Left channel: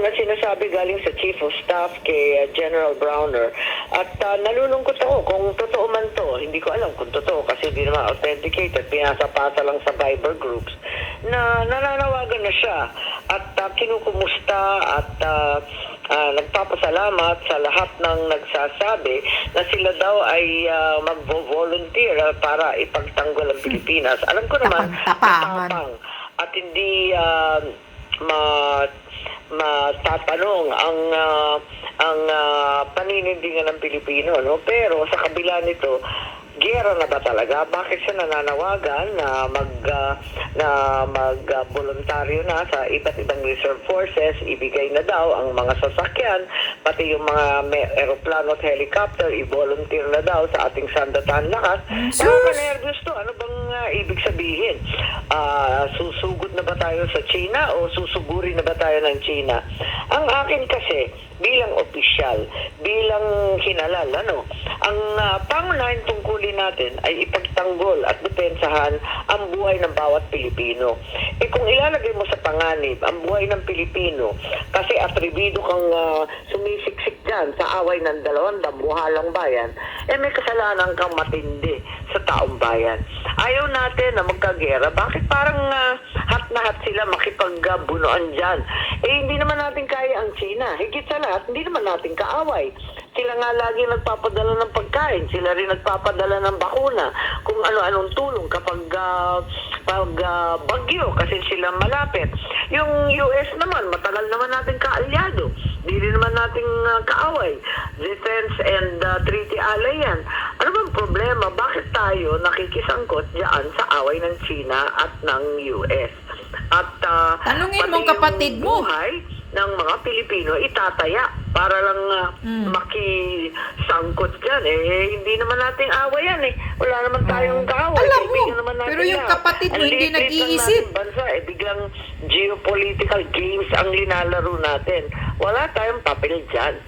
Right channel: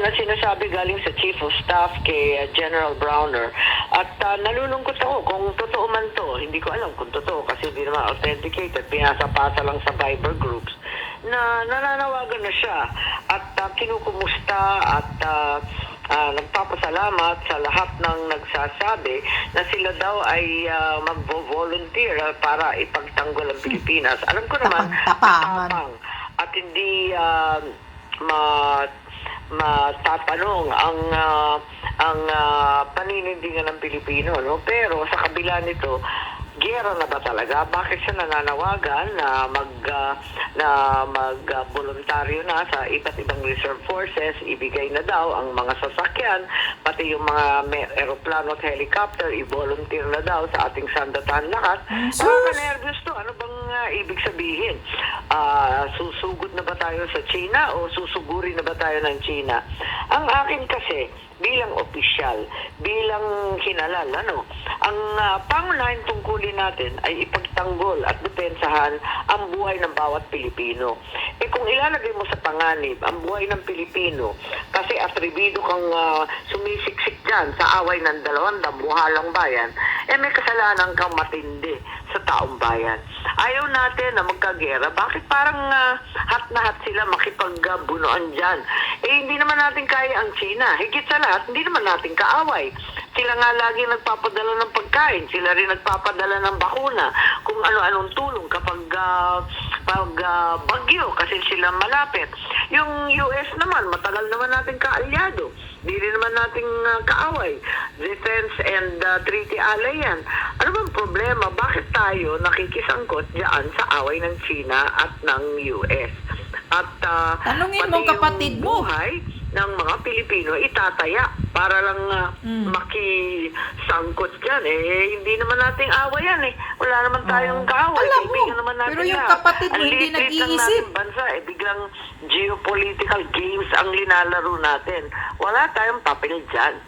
na sinasabi galing sa Chief of Staff kay General Browner. At nalulungkot ako kung totoo man to. Hindi ko alam kung totoo kasi hindi naman authenticated. Pinasa-pasa lang sa Viber groups na nananawagan na siya at kinukumusta at nagpapasalamat sa lahat ng nagsasabi na sila daw ay magvo-volunteer para ipagtanggol ang Pilipinas. Alam ko naman, tapang at hindi matatanong ang paninindigan ng Pilipino, no? Pero sa kabila nito, giyera na ba talaga? Bakit siya nananawagan na mag-voluntaryo na sa iba't ibang reserve forces? Ibigay na daw ang mga sasakyan, pati yung mga aeroplano at helicopter, i-volunteer na daw sa ating sandatahan lakas. Nervous to. Ano bang ibig sabihin? Susugod na ba tayo sa China o susuguri na ba tayo ng China? Ang akin kasi, bilang opisyal, bilang hinalal, ang pangunahing tungkulin natin ay ipagtanggol at depensahan ang buhay ng bawat Pilipino. Kung ilalagay mo sa panganib ang buhay ng Pilipino, kasi atribido kang sumisiksik dyan sa away ng dalawang damuhalang bayan, may kasalanan kang matindi sa taong bayan. Ayaw natin na magkagera. Bakit parang hat na hat sila makipagbunuan dyan? Hindi naman natin kaya ang China. Higit sa lahat, hindi naman natin kaaway. Sila nga lagi nagpapadala ng pagkain. Sila rin nagpapadala ng bakuna. Kung ano-anong tulong kapag bagyo kasi sila malapit. Yung US naman, matagal naman natin kaalyado. Hindi rin naman nating kaaway. Defense and treaty ally yan. Ano bang problema? Bakit tayo nakikisangkot diyan sa away ng China at ng US? At tanungin mong kapatid mo. Buhay ng mga Pilipino itataya para lang makisangkot dyan. Hindi naman nating away yan Wala naman tayong kaaway. Alam mo, naman natin pero yung kapatid mo hindi nag-iisip. Bansa, biglang geopolitical games ang linalaro natin. Wala tayong papel dyan.